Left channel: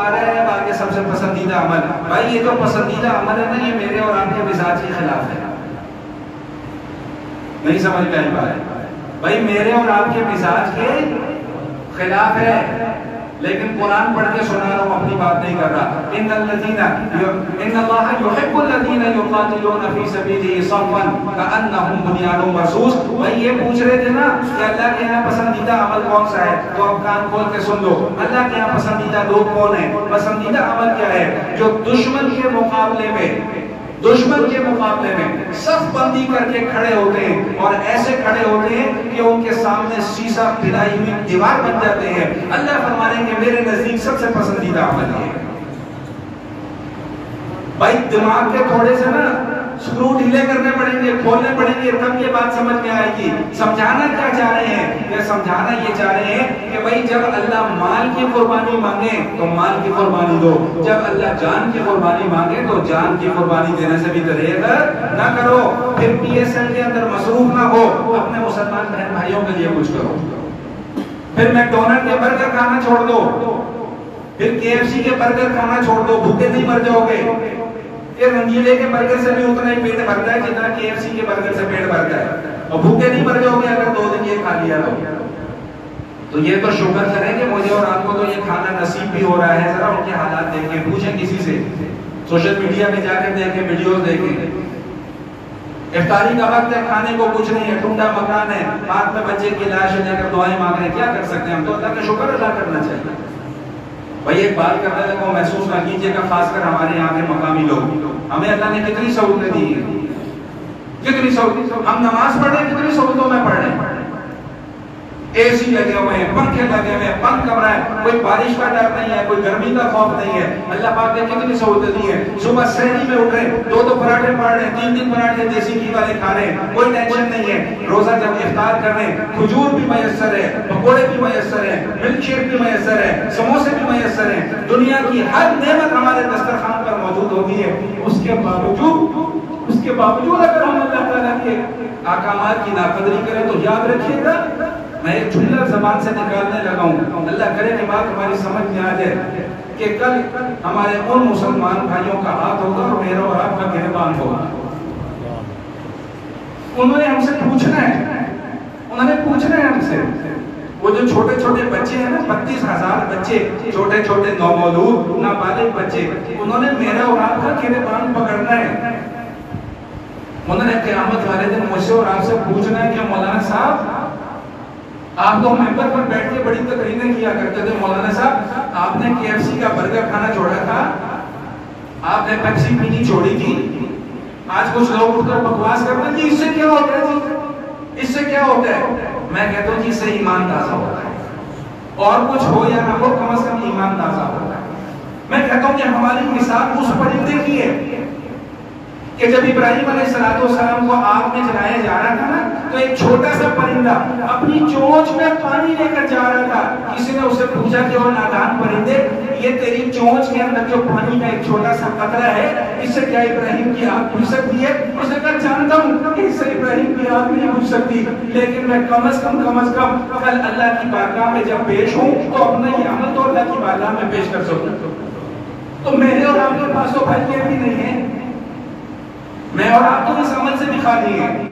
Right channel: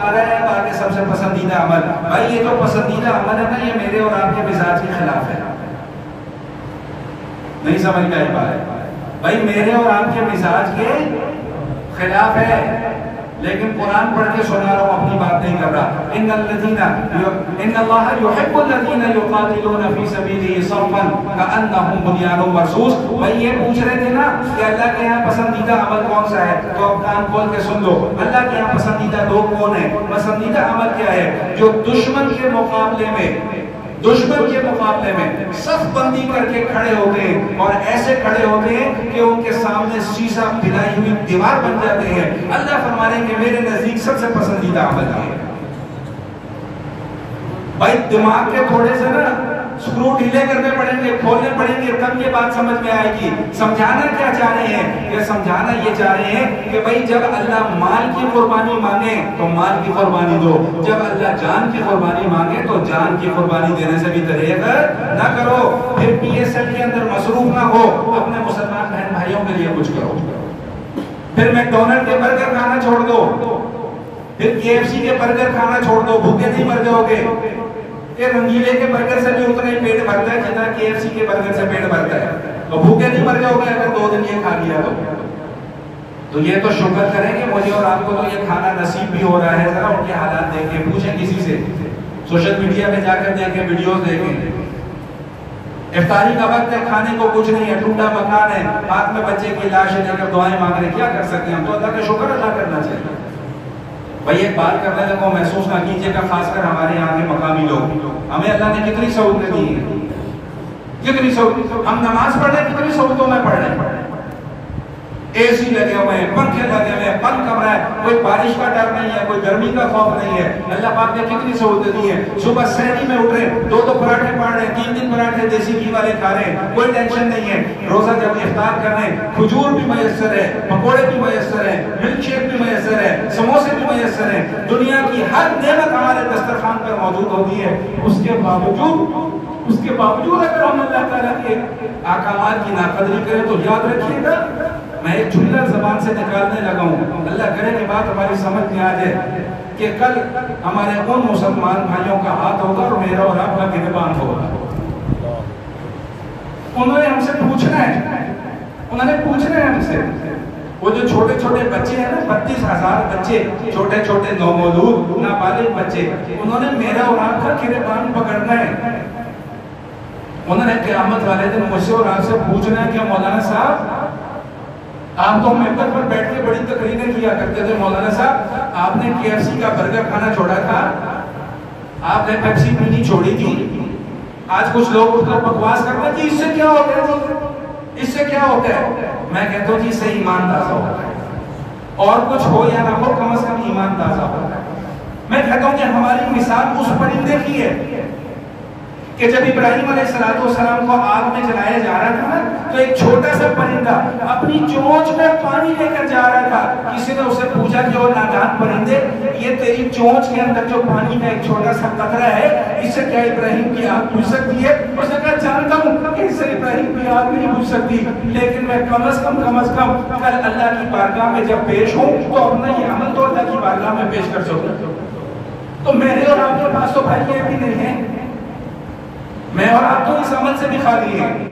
آ رہا ہے باقی سب سے پسندیدہ عمل. بھائی یہ تو پسندیدہ عمل ہے نا، یہ میرے اور آپ کے مزاج کے خلاف ہے. نہیں سمجھ میں آئی بات؟ بھائی میرے اور آپ کے مزاج کے خلاف ہے، لیکن قرآن پڑھ کے سنا رہا ہوں، اپنی بات نہیں کر رہا. ان اللہ یحب الذین یقاتلون فی سبیلہ صفا کأنہم بنیان مرصوص. بھائی یہ پوچھ رہے تھے نا کہ اللہ کے یہاں پسندیدہ عمل کون سا ہے، تو اب کان کھول کے سن لو. اللہ کے یہاں پسندیدہ لوگ کون ہیں؟ پسندیدہ عمل کیا ہے؟ جو دشمن کے مقابلے میں صف بندی کر کے کھڑے ہوتے ہیں، اور ایسے کھڑے ہوتے ہیں کہ ان کے سامنے سیسا پھیلائی ہوئی دیوار بن جاتے ہیں. اللہ فرما رہے ہیں کہ میرے نزدیک سب سے پسندیدہ عمل ہے. بھائی دماغ کے تھوڑے سے نا سکرو ڈھیلے کرنے پڑیں گے، کھولنے پڑیں گے، تب یہ بات سمجھ میں آئے گی. سمجھانا کیا چاہ رہے ہیں؟ یہ سمجھانا یہ چاہ رہے ہیں کہ بھائی جب اللہ مال کی قربانی مانگے تو مال کی قربانی دو، جب اللہ جان کی قربانی مانگے تو جان کی قربانی دینے سے بھی دریغ نہ کرو. پھر پی ایس ایل کے اندر مصروف نہ ہو، اپنے مسلمان بہن بھائیوں کے لیے کچھ کرو. پھر میک ڈونلڈ کے برگر کھانا چھوڑ دو، پھر کے ایف سی کے برگر کھانا چھوڑ دو، بھوکے نہیں مر جاؤ گے. یہ رنگیلے کے برگر سے بھی اتنا ہی پیٹ بھرتا ہے جتنا کے ایف سی کے برگر سے پیٹ بھرتا ہے، اور بھوکے نہیں مر جاؤ گے اگر 2 دن یہ کھا لیا تو یہ تو شکر کریں کہ مجھے اور آپ کو تو یہ کھانا نصیب بھی ہو رہا ہے. ذرا ان کے حالات دیکھیں، پوچھیں کسی سے، سوشل میڈیا پہ جا کر دیکھیں، ویڈیوز دیکھیں. افطاری کا وقت ہے، کھانے کو کچھ نہیں ہے، ٹوٹا مکان ہے، ہاتھ میں بچے کی لاش ہے، دیکھ کر دعائیں مانگ رہے ہیں. کیا کر سکتے ہیں ہم؟ تو اللہ کا شکر ادا کرنا چاہیے. بھائی ایک بات کرنے لگوں، محسوس نہ کیجیے گا، خاص کر ہمارے یہاں کے مقامی لوگ، ہمیں اللہ نے کتنی سہولتیں دی ہیں، کتنی سہولت. ہم نماز پڑھ رہے ہیں، کتنی سہولتوں میں پڑھ رہے ہیں. اے سی لگے ہوئے ہیں، پنکھے لگے ہوئے ہیں، بند کمرہ ہے، کوئی بارش کا ڈر نہیں ہے، کوئی گرمی کا خوف نہیں ہے. اللہ پاک نے کتنی سہولتیں دی ہیں. صبح سحری میں اٹھ رہے ہیں، 2 پراٹھے پڑھ رہے ہیں، 3 پراٹھے دیسی گھی والے کھا رہے ہیں، کوئی ٹینشن نہیں ہے. روزہ جب افطار کر رہے ہیں، کھجور بھی میسر ہے، پکوڑے بھی میسر ہے، ملک شیک بھی میسر ہے، سموسے بھی میسر ہیں. دنیا کی ہر نعمت ہمارے دسترخوان پر موجود ہوتی ہے. اس کے باوجود اگر ہم اللہ تعالیٰ کے احکامات کی ناقدری کریں تو یاد رکھیے گا، میں ایک جملہ زبان سے نکالنے لگا ہوں، اللہ کرے کہ بات ہماری سمجھ میں آ جائے، کہ کل ہمارے ان مسلمان بھائیوں کا ہاتھ ہوگا اور میرا اور آپ کا گریبان ہوگا. انہوں نے ہم سے پوچھنا ہے ہم سے، وہ جو چھوٹے چھوٹے بچے ہیں نا، 32,000 بچے، چھوٹے چھوٹے نومولود نابالغ بچے، انہوں نے میرا اور آپ کا گریبان پکڑنا ہے. انہوں نے قیامت والے دن مجھ سے اور آپ سے پوچھنا ہے کہ مولانا صاحب، آپ تو ممبر پر بیٹھ کے بڑی تقریریں کیا کرتے تھے، مولانا صاحب آپ نے کے ایف سی کا برگر کھانا چھوڑا تھا، آپ نے پیپسی پینی چھوڑی تھی. آج کچھ لوگ اٹھ کر بکواس کرتے ہیں، اس سے کیا ہوتا ہے، اس سے کیا ہوتا ہے. میں کہتا ہوں جی سے ایمان تازہ ہوتا ہے، اور کچھ ہو یا نہ ہو، کم از کم ایمان تازہ ہوتا ہے. میں کہتا ہوں کہ ہماری مثال اس پرندے کی ہے کہ جب ابراہیم علیہ السلام کو آگ میں جلایا جا رہا تھا نا، تو ایک چھوٹا سا پرندہ اپنی چونچ میں پانی لے کر جا رہا تھا. کسی نے اسے پوچھا کہ وہ نادان پرندے، یہ تیری چونچ کے اندر جو پانی کا ایک چھوٹا سا قطرہ ہے، اس سے کیا ابراہیم کی آگ بجھ سکتی ہے؟ اس نے کہا جانتا ہوں کہ اس سے ابراہیم کی آگ نہیں بجھ سکتی، لیکن میں کم از کم کل اللہ کی بارگاہ میں جب پیش ہوں تو اپنا یہ عمل تو اللہ کی بارگاہ میں پیش کر سکوں. تو میرے اور آپ کے پاس تو بھائی یہ بھی نہیں ہے، میں اور آپ تو اس عمل سے بھی خالی ہیں.